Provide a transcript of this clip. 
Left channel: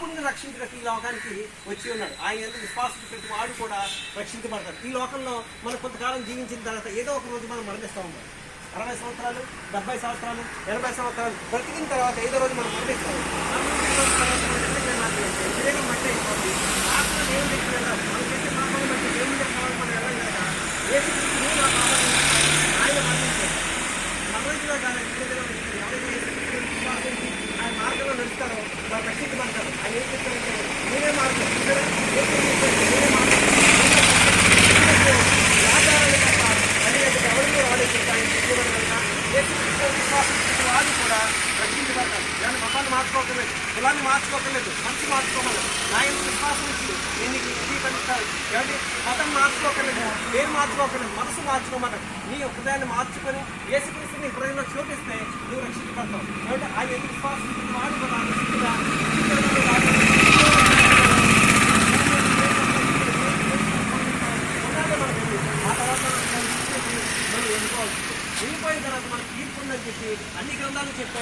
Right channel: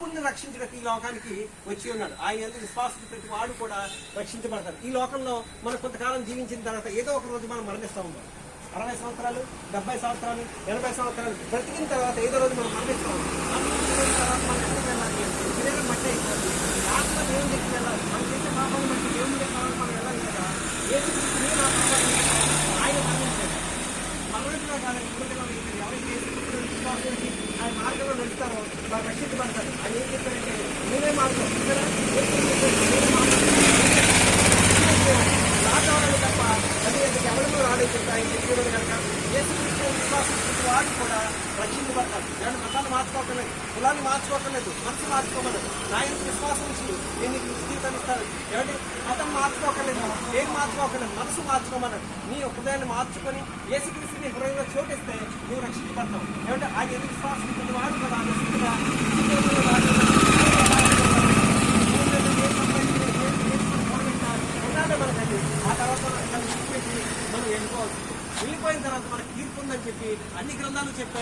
రక్షించడానికి ఈ లోకానికి వచ్చి ఉన్నాడు. ఆయన విశ్వాసం ప్రతి వాడు కూడా రక్షించబడతాడు. ఈ లోకంలో మనం కొంతకాలం జీవించిన తర్వాత ఏదో ఒక రోజు మనం మరణిస్తూ ఉంటాం. 60 సంవత్సరాలు, 70 సంవత్సరాలు, 80 సంవత్సరాలు బ్రతికిన తర్వాత ఏదో రోజు మనం మరణిస్తాం. శరీరం మట్టి అయిపోతుంది. ఆత్మ దేవుని దగ్గరికి వెళ్ళాలి. మనం చేసే పాపాలను బట్టి దేవుని దగ్గర మనం వెళ్ళాం కనుక ఏసుక్రీస్తుని నా పాపాన్ని ఆయన మరణించాడు. మరణించినా కానీ ఎవరైతే విశ్వాసించి ఆయన మార్గంలో నడుస్తారో వారు రక్షించబడతారు. ఆయన ఏం చెప్తారంటే నేనే మార్గం, నేనే మార్గం ఆచారాలు తప్ప అదే ఎవరిలో రాడేస్తుంటారని చెప్పేవారు కనుక ఏసుక్రీస్తు విశ్వాసించిన వారు కూడా రక్షించబడతారు. ఇలాంటి మతాన్ని మార్చుకోకలేదు, కులాన్ని మార్చుకోకలేదు, మనసు మార్చుకోమలేదు. ఆయన విశ్వాసం ఇచ్చి నేను నీకు స్వీకరిస్తాను. ఏమంటే మతం మార్చుకోకలేదు, పేరు మార్చుకోకలేదు, మనసు మార్చుకోమన్నాడు. నీ హృదయాన్ని మార్చుకొని ఏసుక్రీస్తు నీ హృదయంలో చోటిస్తే నువ్వు రక్షించబడతావు. ఏమంటే ఆయన విశ్వాసించిన వాడు కూడా రక్షించగా ఆ తర్వాత మనం ఎన్నుకోవాల్సింది. వెళ్ళిపోయిన తర్వాత మనకు తీర్పు ఉందని చెప్పి అన్ని గ్రంథాలు చెప్పారు.